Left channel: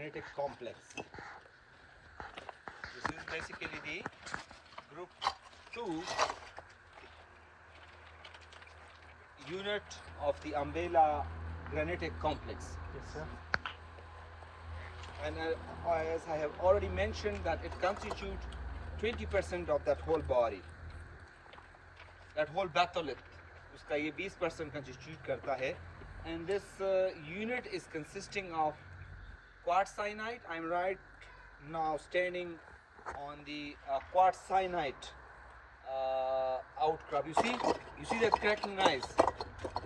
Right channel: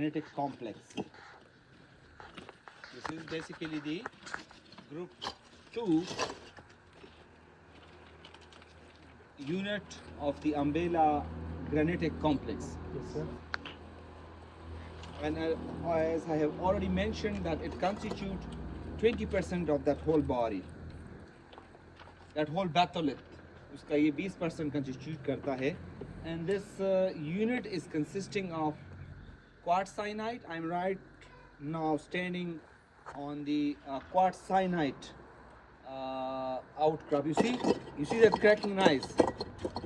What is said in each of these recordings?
granitic complex. This is basically the group 2 unit of the Ambela granitic complex. Yes, sir. And as I have already mentioned, that it constitutes 20% of that whole body, that whole batholith. उसका ये 20% constitute करता है. And this unit is consisting of quartzite. I'm right now standing on the quartzite outcrop. You see that cracking nice.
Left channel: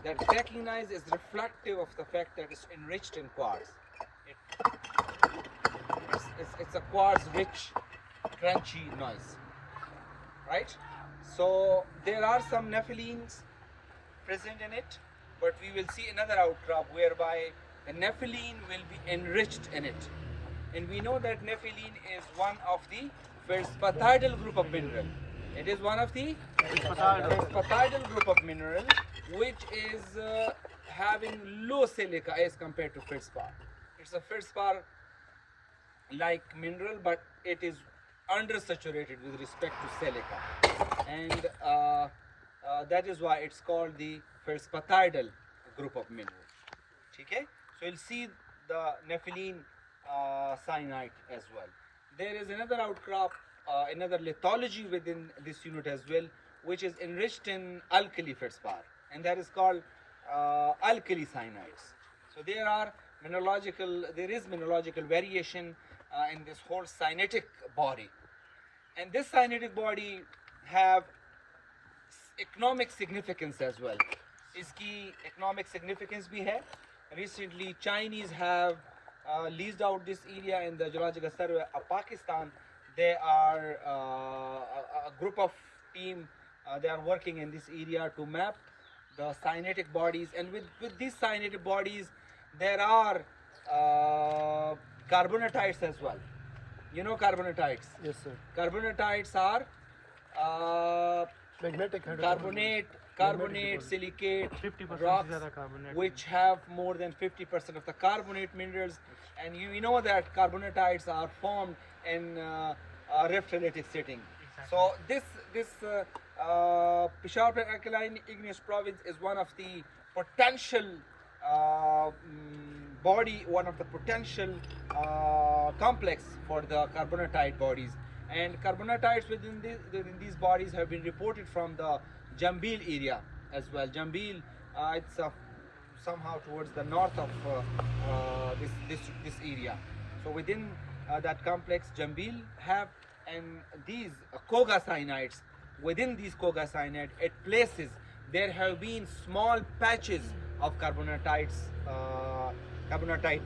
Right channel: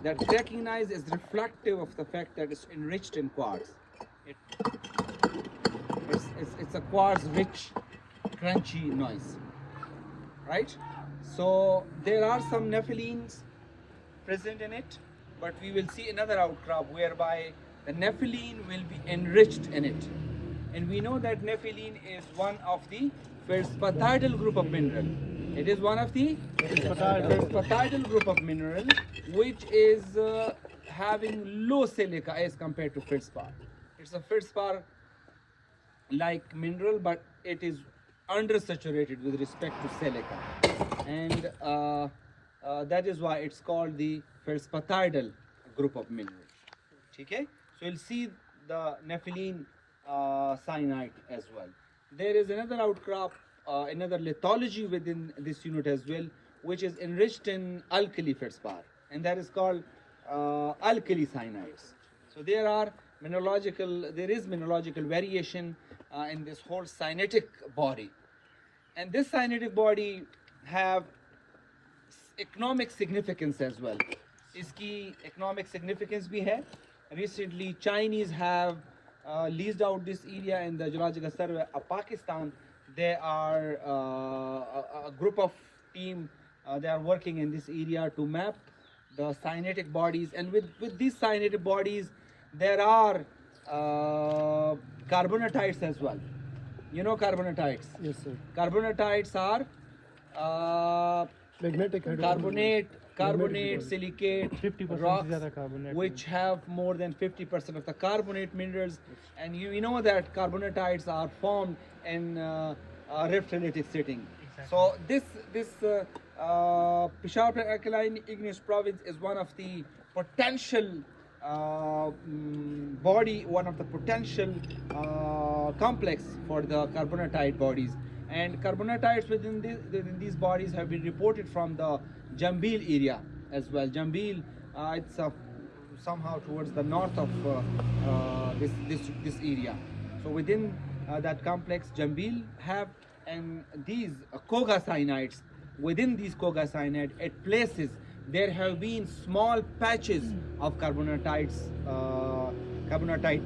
That cracking nice is reflective of the fact that it's enriched in quartz. It's a quartz-rich, crunchy noise, right? So there are some nephilines present in it, but we will see another outcrop whereby the nepheline will be enriched in it. And we know that nepheline is one of the feldspathiidal group of mineral. It is one of the feldspathiidal group of mineral, which is having low silica as compared to feldspar. It's a feldspar like mineral, but it is undersaturated with respect to silica, and that is why it's called the feldspathiidal group of minerals. Okay, so you'll see the nepheline cyanide as well. There is another outcrop, another lithology within this unit as well, which is enriched in alkali feldspar, and that is called alkali cyanides. So there is mineralogical variation in this whole cyanitic body, and this cyanitic body have economic significance as well. इसकी economic significance भी है. Recently, Chinese have leased out this area in the Geological Survey of Pakistan. They are a group of team. They are working in this area to map the cyanitic bodies, and with these cyanitic bodies, there are carbonatites as well. You know carbonatites? Yes, sir. Carbonatites are Magnetic carbonate, silicate 50% rocks, carbonate, which have more than 50% of the carbonate minerals. And you know that carbonatites are formed in rift-related setting. So this Peshawar Alkaline Igneous Province is one of the potential one of the potential complex for the carbonatite bodies. And carbonatites within these bodies have been reported from the Jambil area as well. Jambil, it's somehow towards the north of this area. So within that complex, Jambil have, and these Koga cyanides, within these Koga cyanide, at places there have been small patches of carbonatite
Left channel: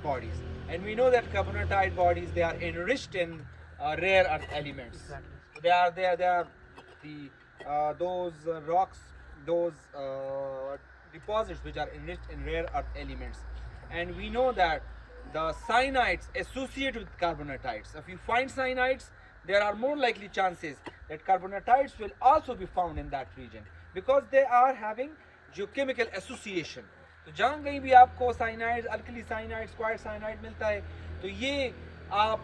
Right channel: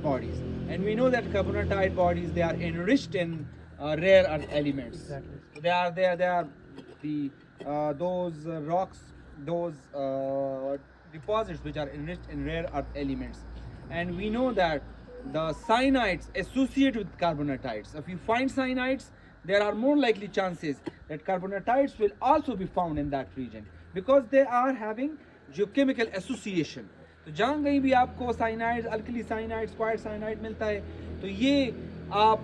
bodies, and we know that carbonatite bodies, they are enriched in rare earth elements. Exactly. So they are the those rocks, those deposits which are enriched in rare earth elements, and we know that the cyanides associate with carbonatites. If you find cyanides, there are more likely chances that carbonatites will also be found in that region, because they are having geochemical association. तो जहाँ कहीं भी आपको cyanide, alkali cyanide, square cyanide मिलता है, तो ये आप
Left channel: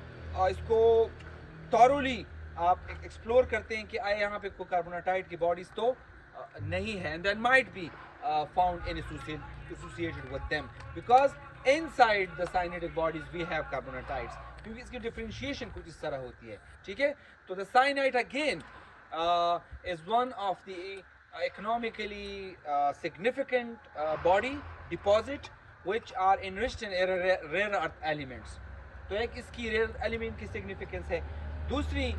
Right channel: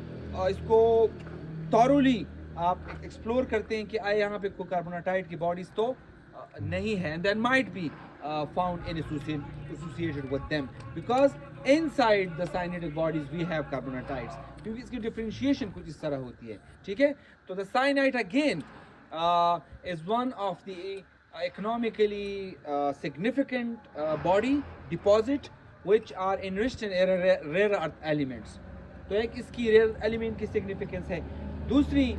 इसको थॉरोली आप एक्सप्लोर करते हैं कि आए यहाँ पे कोई कार्बोनाटाइड की बॉडीज तो नहीं है, and that might be found in associated with them, because inside the cyanidic bodies we have carbonatites, क्योंकि इसकी डिफरेंशिएशन कुछ इस तरह होती है. ठीक है, तो the cyanide again is one of the economically significant body deposit which are enriched in rare earth elements. तो एक इसकी rare element की significance है. दूसरी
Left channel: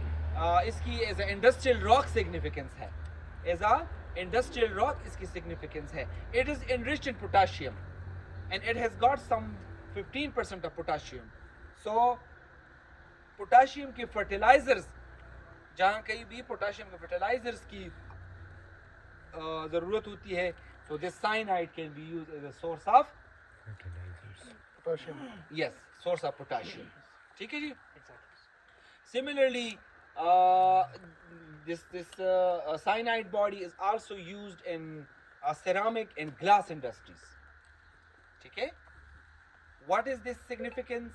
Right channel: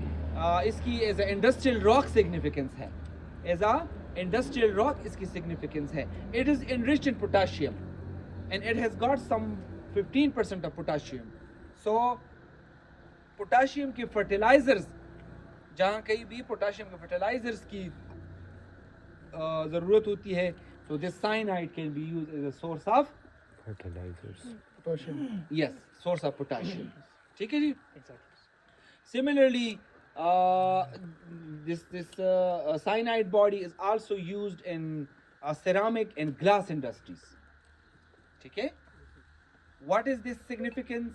इसकी as a industrial rock significance है. As a industrial rock इसकी significance है. It is enriched in potassium, and it has got some 15% of potassium. So potassium के fertilizers, जहाँ कहीं भी potassium के fertilizers की ज़रूरत होती है, so this cyanide can be used as a source of fertilizers. Potassium. Yes, source of potassium. ठीक है जी. Exactly. Similarly, this cyanide body is also used in ceramic and glass industries. ठीक है. What is this significance?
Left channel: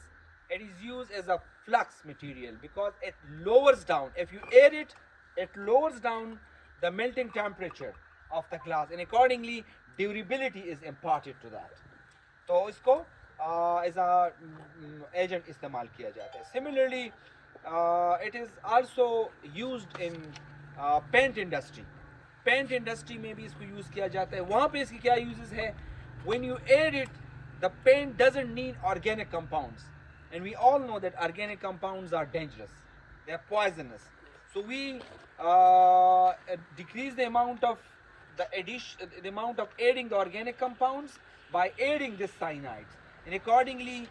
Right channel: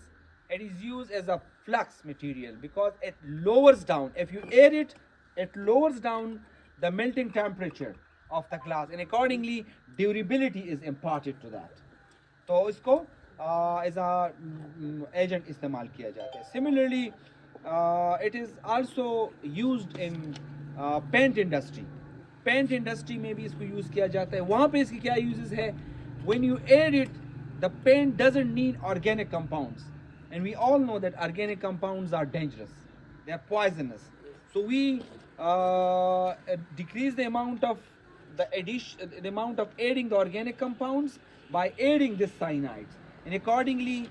it is used as a flux material because it lowers down. If you air it, it lowers down the melting temperature of the glass, and accordingly durability is imparted to that. तो इसको as a agent इस्तेमाल किया जाता है. Similarly, it is also used in paint industry. Paint industry में भी इसको use किया जाता है. वहाँ पे इसकी क्या यूजेस है? When you air it, the paint doesn't need organic compounds, and we all know that organic compounds are dangerous. They are poisonous. So we decrease the amount of the amount of aiding the organic compounds by aiding this cyanides, and accordingly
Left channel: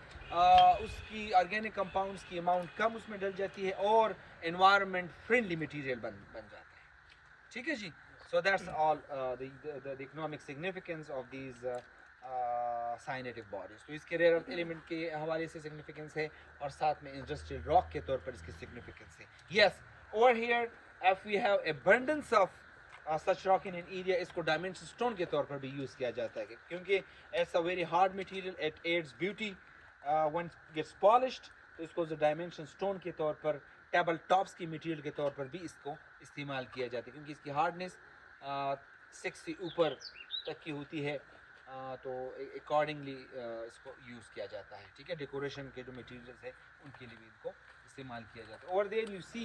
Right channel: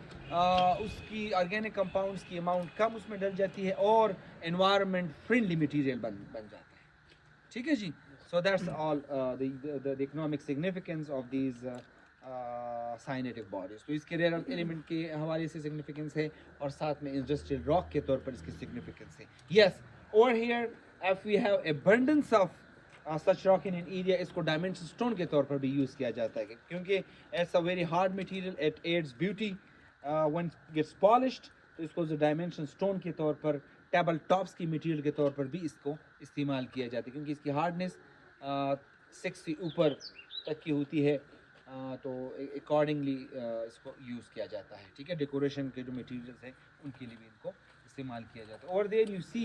उसकी organic compounds की amount कम उसमें डल जाती है और environment friendly material बन जाता है. ठीक है जी. So that's all the economic significance of these cyanidic bodies. तो इसके rare earth element के हवाले से significance है और साथ में industrial rock के तौर पर इसकी significance है. Yes, over here if we have abundance of such rock in an area, इसको dimension stone के तौर पर भी यूज़ किया जाता है क्योंकि it's a very hard material, it adds beauty when it gets polished. तो इसको जो dimension stone के तौर पर टेबल टॉप्स की मटेरियल के तौर पर भी इसको इस्तेमाल किया जाता है क्योंकि इसकी हार्डनेस 6 से ऊपर तक की होती है. तो अकॉर्डिंगली इसको यूज़ किया जाता है. ठीक है. डेकोरेशन के जो मटेरियल्स है उनके लिए भी इनको इस्तेमाल किया जाता है. और there you see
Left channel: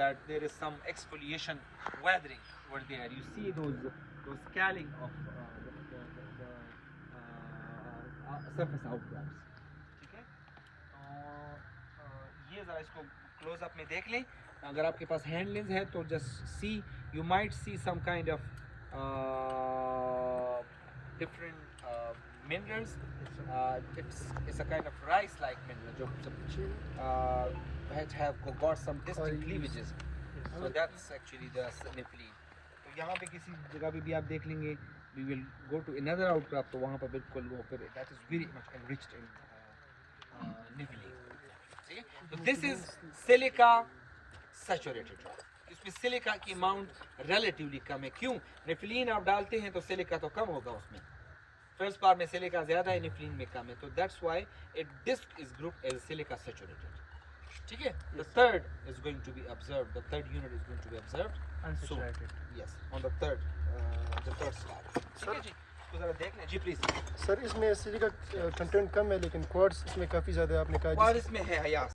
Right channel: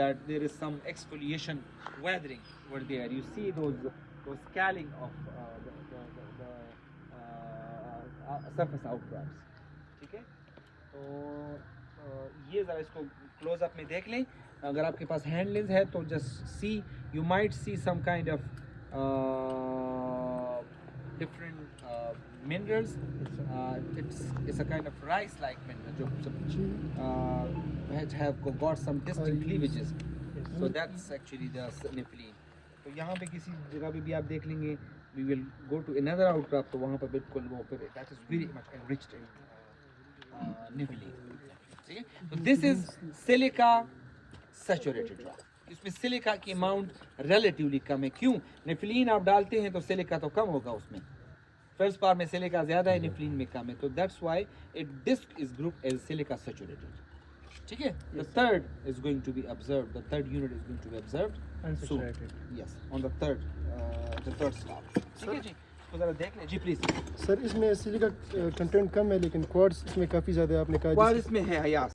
that there is some exfoliation weathering over there. You see those scaling of the surface outcrops. ठीक है. तो ये ज़रा इसको क्लोजअप में देख लें. अगर आपके पास हैंड लेंस है तो just see, you might see some kind of different minerals. It's a kind of rice-like mineral जो have got some distinct cleavages. So that's actually the nepheline. तो यहाँ पे किसी जगह पे भी आप देख लेंगे, we will go to another outcrop, तो वहाँ पर बिल्कुल वो फिर that is very much enriched in nepheline. ठीक है. तो this is silica saturated rock. इसमें सिलिका की अमाउंट रिलेटिवली कम है. क्यों? नेफिलीन आप डालते हैं तो सिलिका तो कम होगा उसमें. फर्स्ट पार्ट में सिलिका ज़्यादा है, नेफिलीन में कम है. तो that's why it disc is group as silica saturated. ठीक है. The third is going to be observed, the third unit is going to be observed so yes on the third star. ठीक है जी. इसको ज़रा देख लें जी प्लीज. सर इसमें सिलिका कंटेंट कम है लेकिन क्वार्ट्ज इसमें काफ़ी ज़्यादा आपने कहा. क्वार्ट्ज इसमें है.